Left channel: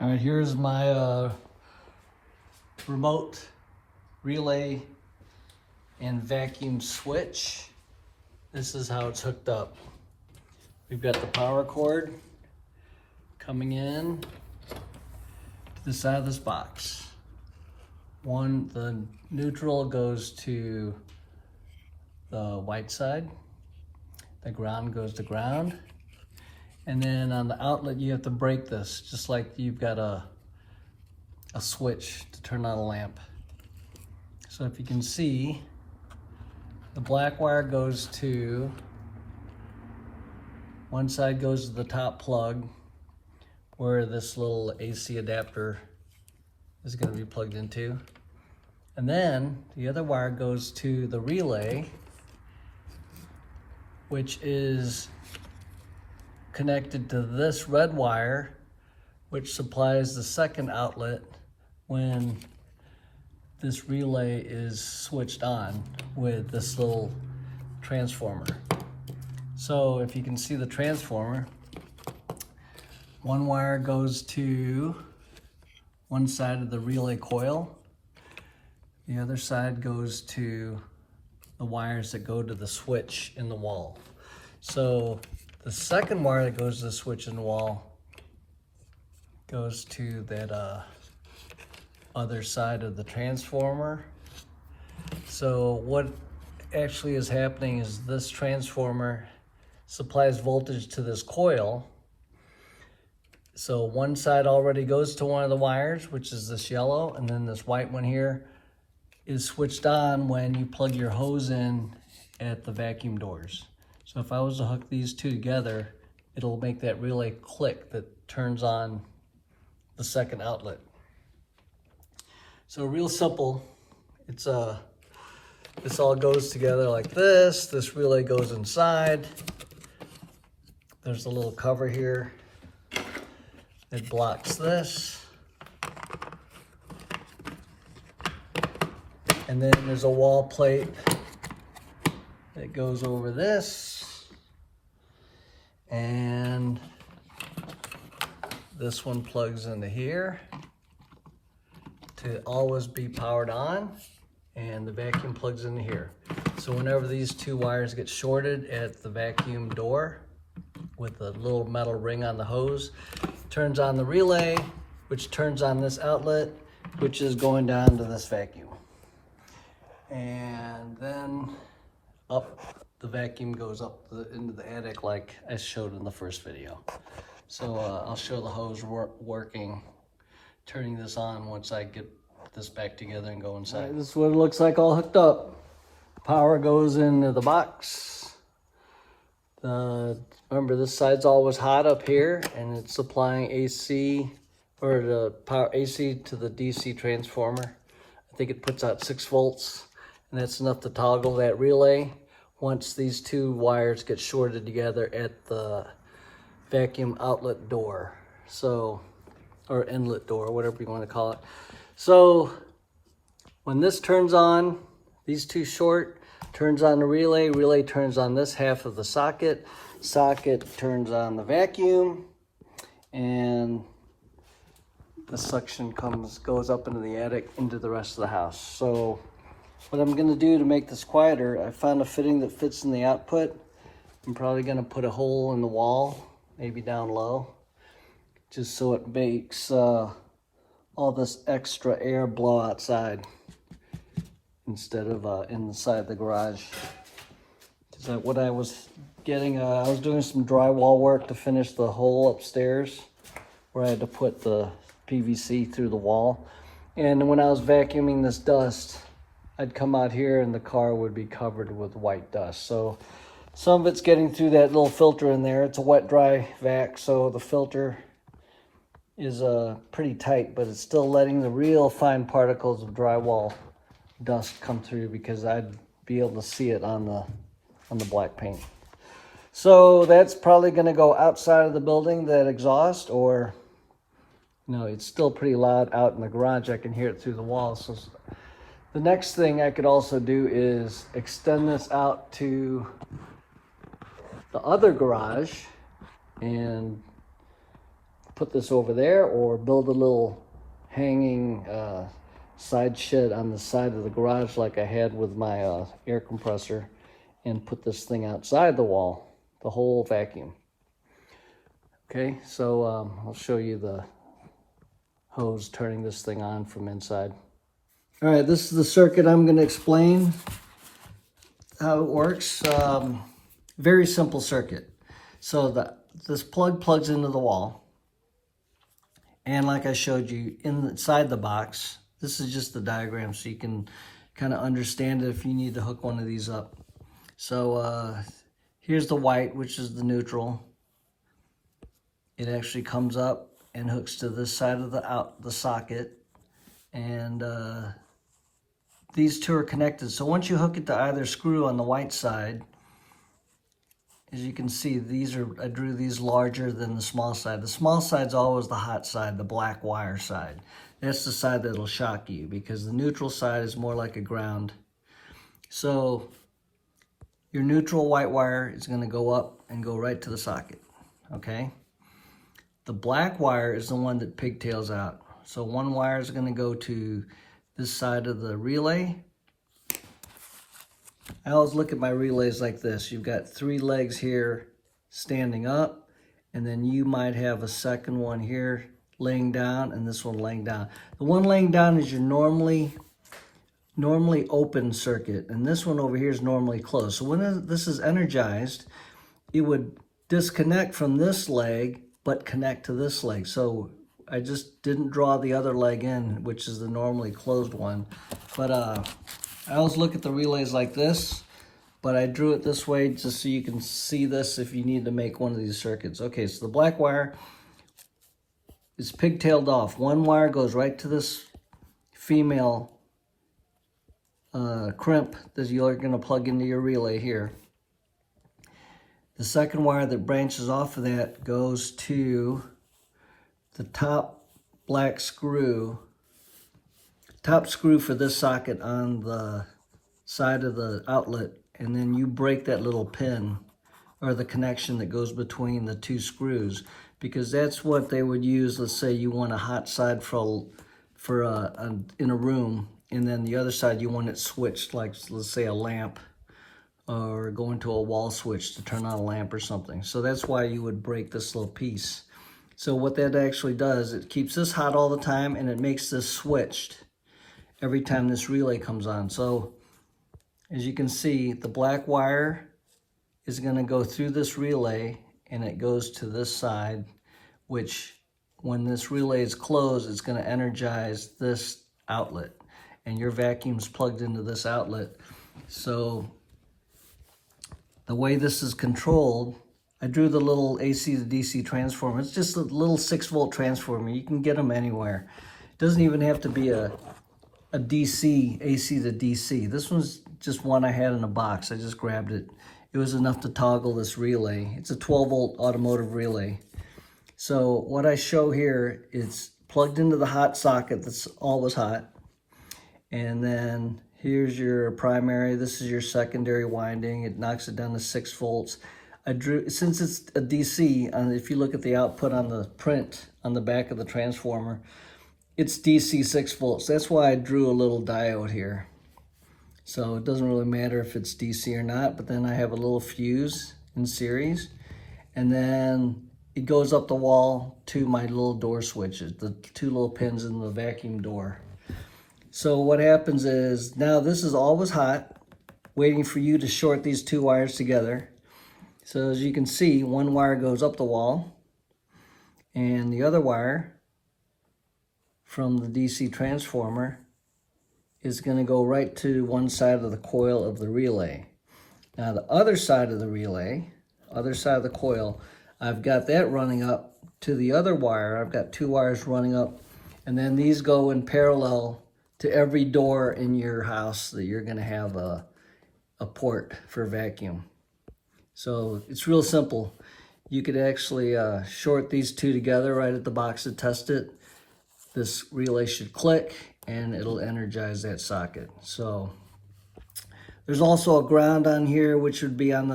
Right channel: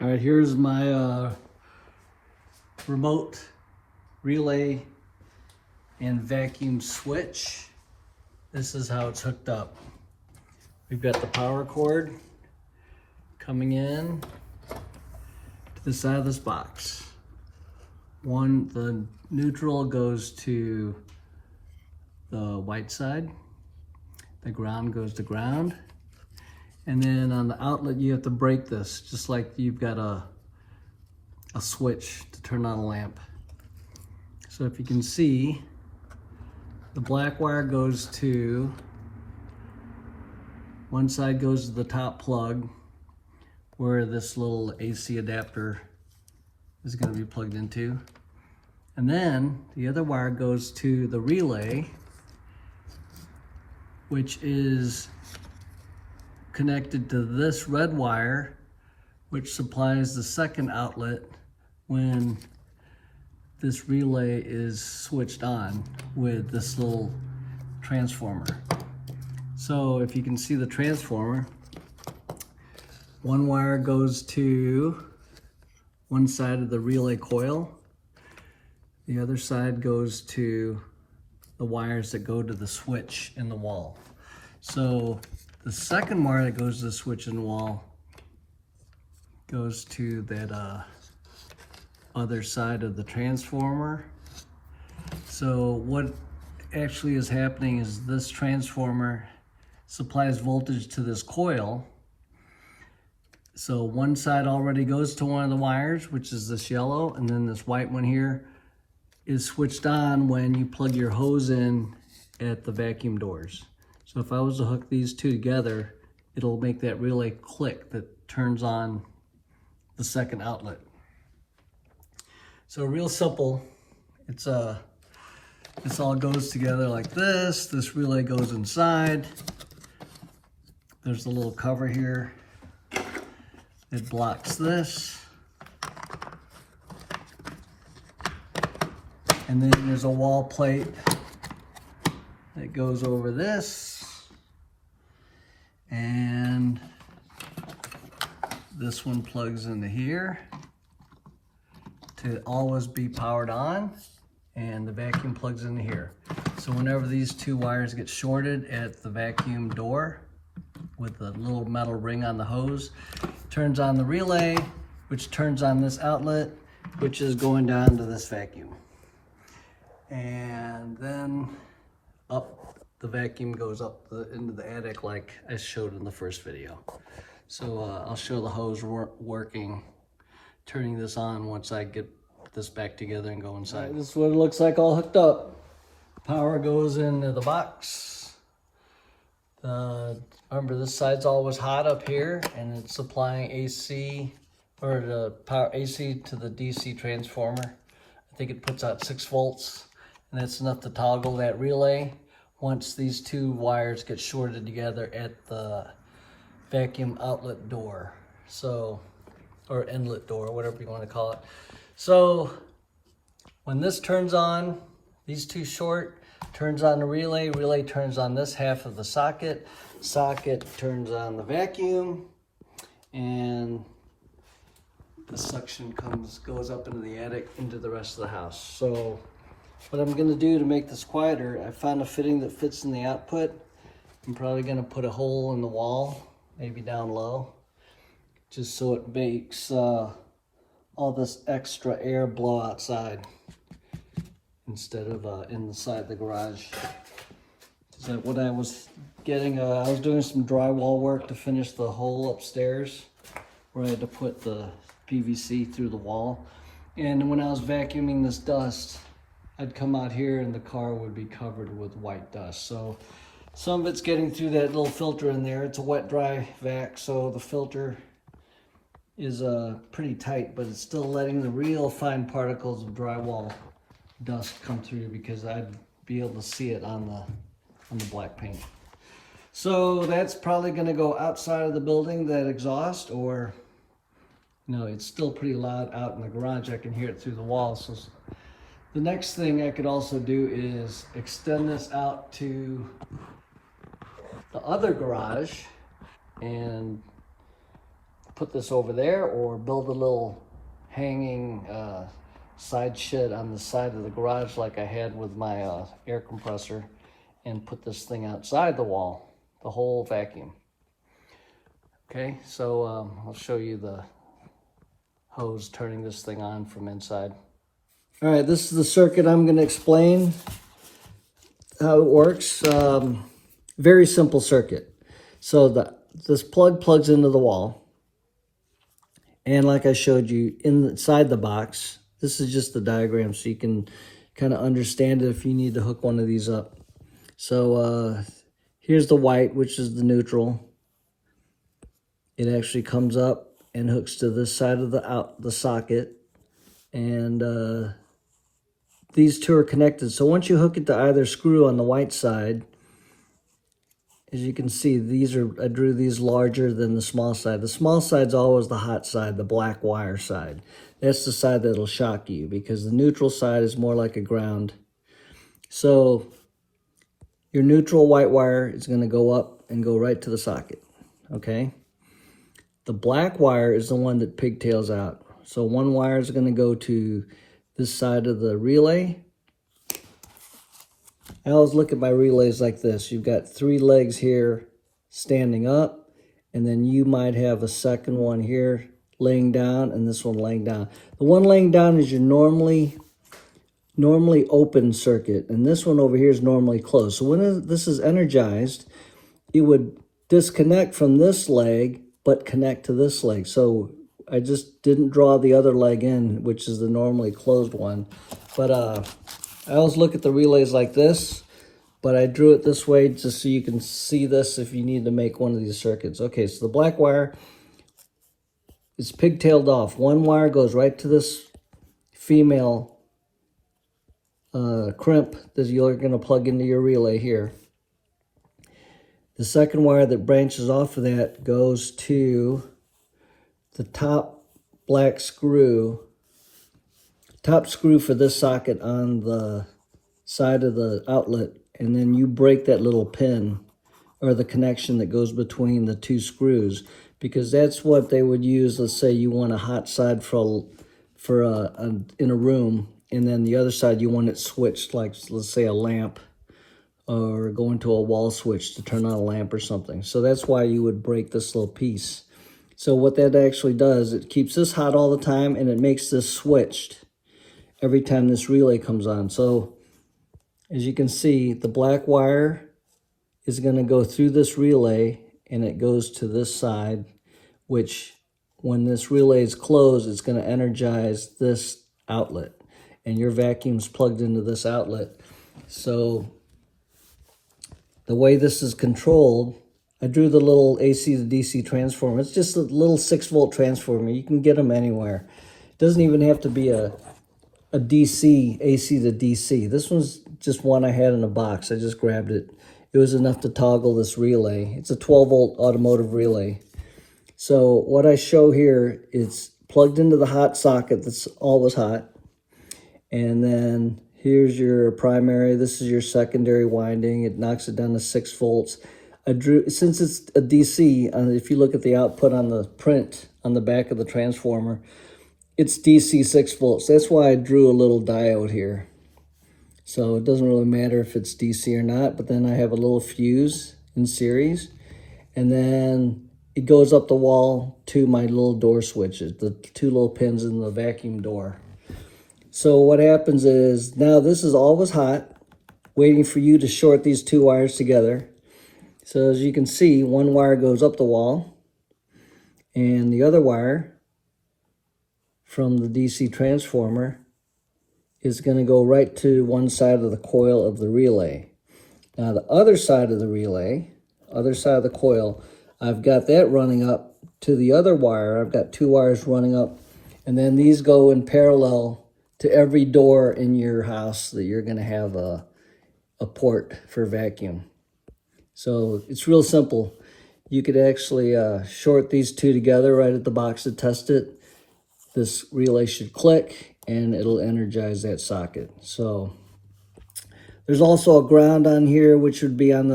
All right, here's my remote relay and vacuum switch. This is how it's hooked up. We've got the power cord coming in to the side of this box. The neutral goes to the white side. The ground goes to ground. And then on the outlet, you have to break this, just like you've got a switch to turn on a lamp. So if you can see, the black wire goes to, one side goes to the top plug where this little AC adapter is going to be plugged into. And then the other wire goes to the relay, which is connected to this red wire, which supplies the second outlet when this relay is switched on with this little transformer. So if you can see the transformer, one wire goes to one side of the relay coil. The other side goes to the wires that go to the switch in the wall. So the second wire that goes to the switch in the wall goes to that other side of the transformer. So what actually is happening is this transformer supplies voltage to this coil. So one side already goes to one of the wires, which is this yellow, and then this white one here is switched on when you plug your hose in at the vacuum doors. So if I was to hook these two together, it'll make that relay click that turns on the second outlet. So real simple. It's this all goes together like this. This relay goes inside. There's a little cover here. It blocks this. And then there's a wall plate that goes over this. And this one plugs into here to always be powered on, and the vacuum plugs into here. So whenever these two wires get shorted at the vacuum door with the little metal ring on the hose, turns on the relay, which turns on this outlet, which is going down to this vacuum. And then the vacuum goes up into the attic like I showed in the first video. So I'll show the hose working, turning this on once I get this back together and go inside. Right, this is what it looks like all hooked up. Power goes into the box. Remember, this side's always hot up here, and it's supplying AC, or the power AC to the DC transformer. I think it puts out 6 volts, and that's enough to toggle that relay once these two wires get shorted together at the vacuum outlet door, so, or inlet door, whatever you want to call it. So when this turns on, these two short, turns on the relay turns on this half of the socket turns on the vacuum, and the suction goes up into the attic into the rest of the house. So what I'm going to do to make this quieter, I found a fitting that fits in the output. I'm probably going to put a hole in the wall, maybe down low, just so it makes all this extra air blow outside instead of inside the garage. So what I was getting, I was doing some drywall work to finish the hole upstairs where I had to put the PVC through the wall. And when I was vacuuming this dust, I'd come out here and the car would be covered with white dust. So some of it's getting through that little filter in there. It's a wet dry vac, so the filter is pretty tight, but it's still letting the real fine particles of drywall dust come through, because I'd be able to see it on the black paint. So that's probably going to go outside of the building, that exhaust, or no, it's still pretty loud out in the garage. I can hear it through the wall. So the next thing I could also do is extend this out to the other garage and put this over there or build a little hanging side shed on the side of the garage like I had with my air compressor, and put this thing outside the wall, the whole vacuum. Okay, so I'll show you the hose turning this thing on from inside. All right, this is the circuit. I'm going to explain how it works. Very simple circuit. So this plug plugs into the wall. And like I showed you inside the box, this is just the diagram so you can kind of understand it if you need to hook one of these up. So here's the white, which is the neutral. It actually comes up and hooks to this side of the socket. And these two are connected. So once you hook it to either screw on the white side, as you can see, I drew these larger than the small side. The small side's always the hot side, the black wire side. That's the side that'll shock you because the neutral side is more like a ground. So your neutral white wire is going to go up and go right to the socket, okay? The black wire is the one that pigtails out. So one wire is going to go to this side of the relay. I always look at my relays like this. You've got 3 legs here standing up, and then you might have a second one here laying down, and this one laying down. The one laying down is your normally open circuit, and this one over here is normally closed. So when this is energized, it would disconnect from this leg, but connect to this leg. So I just didn't draw the other leg in, which is the normally closed one. But I always look at the relays like this, but I drew it this way just so you can see this if you need to make one of these circuits. Okay, so the black wire is pigtailed off. One wire goes right to this female crimp that you're going to plug into your relay here. The second wire that branches off of that goes to the top black screw, top screw for this socket on the side of the outlet, and then you break that little pin or the connection that goes between the 2 screws, because that's what they would use. Let's say you want a hot side in a room, and then the other side you want it switched, like let's say a lamp, or going to a wall switch to turn on a lamp or something. So that's why you would break this little piece. So what that actually does, it keeps this hot all the time, and it makes this switched every time this relay comes on. So as you can see, the black wire is going to go through this relay, and it goes to this side, which when this relay is closed, it's going to energize this outlet, and your vacuum's plugged into this outlet. So the way this is controlled, I drew the little AC to DC transformer. It's just a little 6-volt transformer. You can get them anywhere. It doesn't even have to be a DC, AC to DC. This one's just one I had in a box. I just grabbed it. It was enough to toggle this relay. It's a 12-volt automotive relay. So what I show here is plugged into the hot socket that's always hot. And then here's your primary. This is your secondary winding. It knocks it down to 6 volts. I drew, since it's a DC, if you look at the output on the print on the back of the transformer, it's DC 6 volts. That's why I drew a little diode here. So it doesn't really matter if it's DC or not, but then I have a little fuse in series, and then it goes up the wall to my little door switches, the 2 little pins in the vacuum door. So what happens is, now this is always hot, waiting for you to short these 2 wires together. So as you can see, one wire goes up the wall, and the other wire from the DC transformer is going to go right to one side of the coil of the relay. Now the other side of the relay, other side of the coil, I've got that running up to the other wire. I've got 2 wires running up, and then these go in parallel to every door in your house that you're going to have a port for vacuum. So it's real simple. You could actually short these 2 together right at the box to test it. This relay should click and it'll energize that socket. So there's also a ground on here, which would be on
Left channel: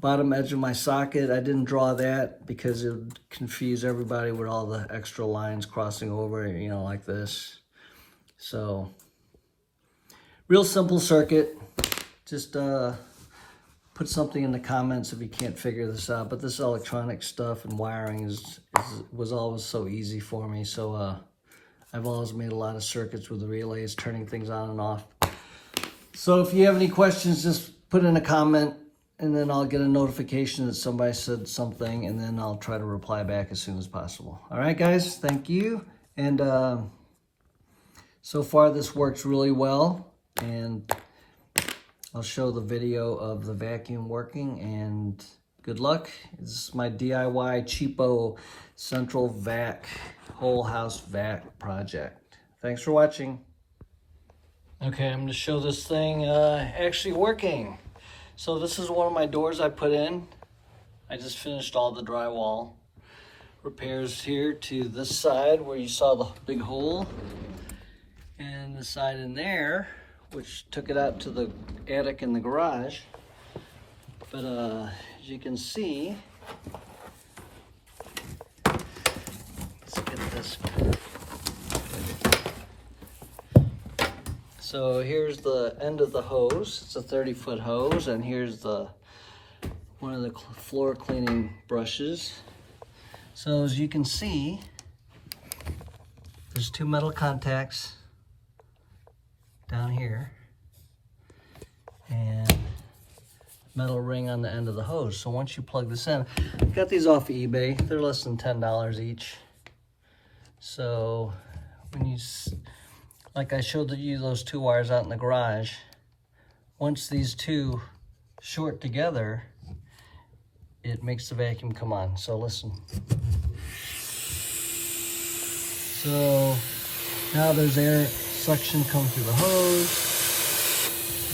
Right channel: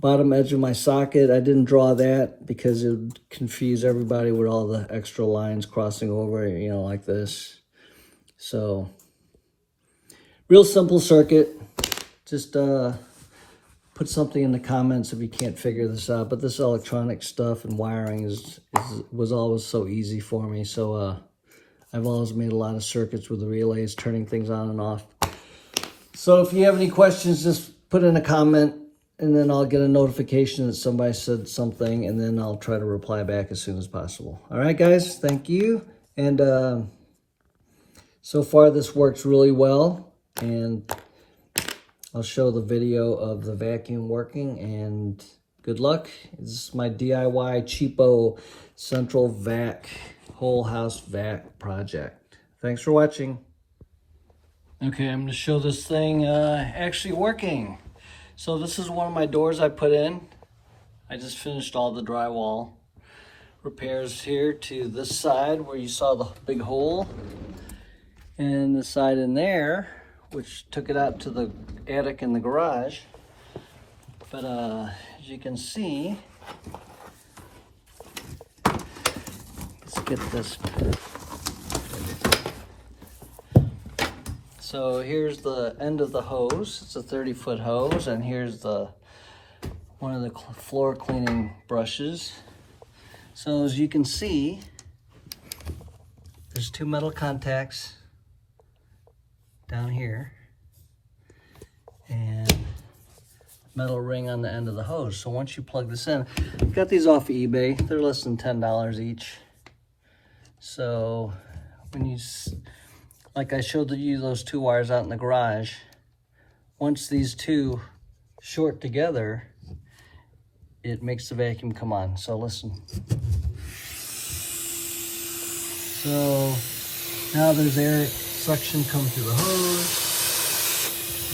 bottom edge of my socket. I didn't draw that because it would confuse everybody with all the extra lines crossing over, you know, like this. So, real simple circuit. Just put something in the comments if you can't figure this out. But this electronic stuff and wiring was always so easy for me. So I've always made a lot of circuits with the relays, turning things on and off. So if you have any questions, just put in a comment, and then I'll get a notification that somebody said something, and then I'll try to reply back as soon as possible. All right, guys, thank you. And so far this works really well, and I'll show the video of the vacuum working, and good luck. This is my DIY cheapo central vac, whole house vac project. Thanks for watching. Okay, I'm gonna show this thing actually working. So this is one of my doors I put in. I just finished all the drywall repairs here to this side where you saw the big hole, and the side in there, which took it out to the attic in the garage. But as you can see, let's get this. So here's the end of the hose. It's a 30-foot hose, and here's one of the floor cleaning brushes. So as you can see, there's two metal contacts down here and metal ring on the end of the hose. So once you plug this in, I got these off of eBay. They're less than $10 each. So when you, like I showed you those two wires out in the garage, once these two short together, it makes the vacuum come on. So listen. So now there's air suction come through the hose.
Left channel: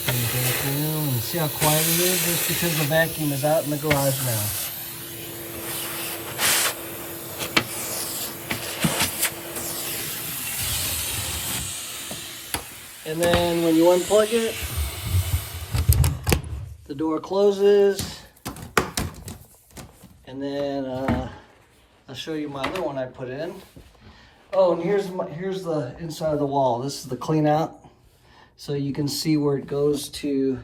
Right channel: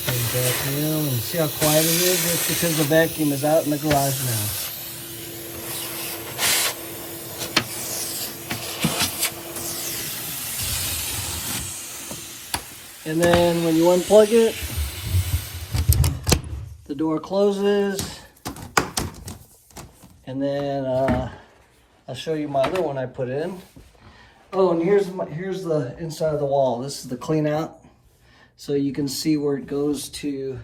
And vacuum, and see how quiet it is? It's because the vacuum is out in the garage now. And then when you unplug it, the door closes. And then I'll show you my other one I put in. Oh, and here's the inside of the wall. This is the clean out. So you can see where it goes through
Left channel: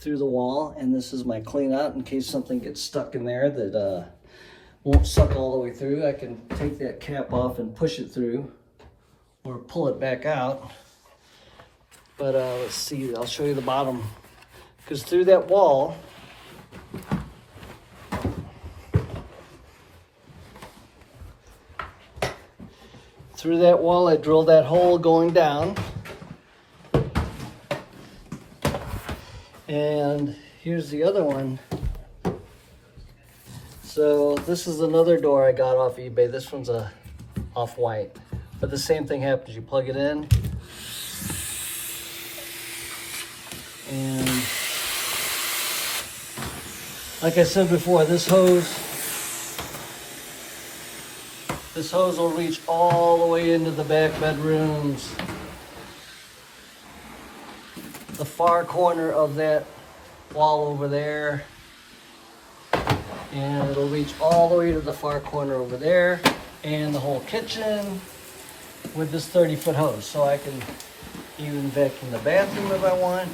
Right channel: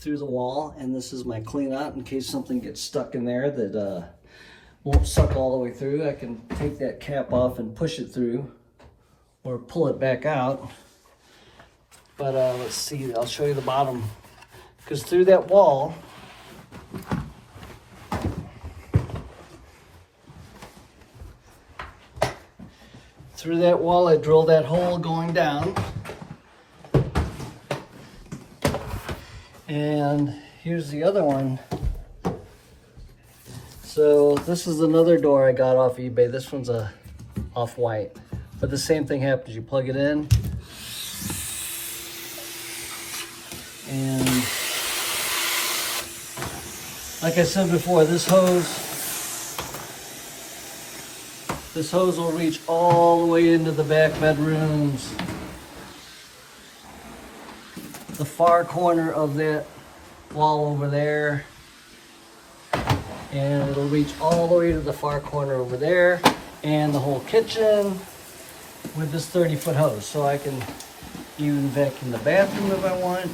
the wall, and this is my clean out in case something gets stuck in there that won't suck all the way through. I can take that cap off and push it through, or pull it back out. But let's see, I'll show you the bottom. Because through that wall, I drilled that hole going down. And here's the other one. So this is another door I got off eBay. This one's a off-white, but the same thing happens. You plug it in, and like I said before, this hose will reach all the way into the back bedrooms, the far corner of that wall over there, and it'll reach all the way to the far corner over there, and the whole kitchen with this 30-foot hose. So I can even vacuum the bathroom if I want.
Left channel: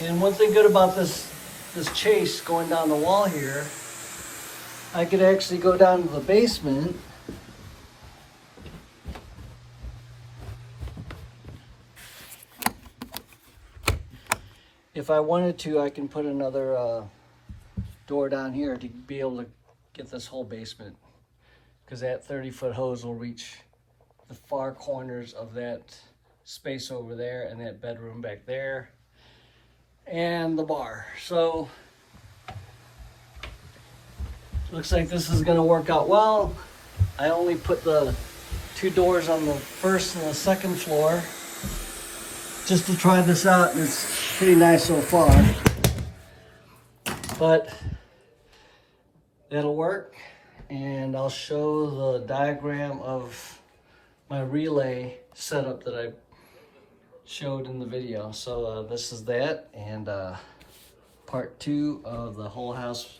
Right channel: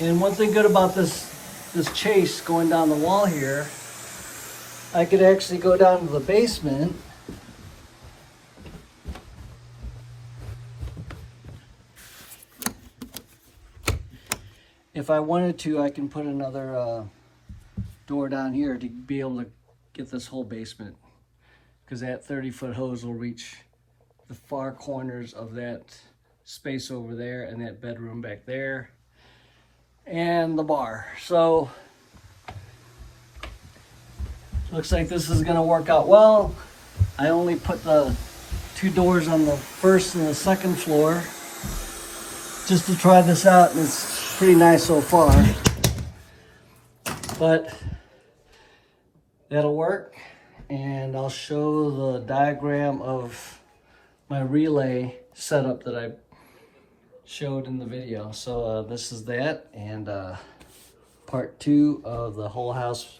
And one thing good about this chase going down the wall here, I could actually go down to the basement if I wanted to. I can put another door down here to be able to get this whole basement, because that 30-foot hose will reach the far corners of that space over there, and that bedroom back there, and the bar. So looks like this is going to work out well. I only put the two doors on the first and the second floor just to try this out, and it's pretty nice so far. But that'll work, and I'll show the diagram of my relay setup that I showed in the video. So this is that, and part 2 of the whole house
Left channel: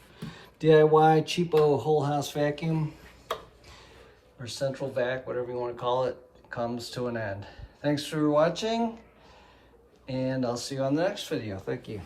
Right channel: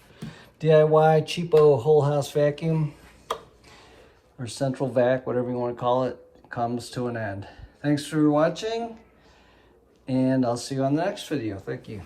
DIY cheapo whole house vacuum, or central vac, whatever you want to call it, comes to an end. Thanks for watching, and I'll see you on the next video. Thank you.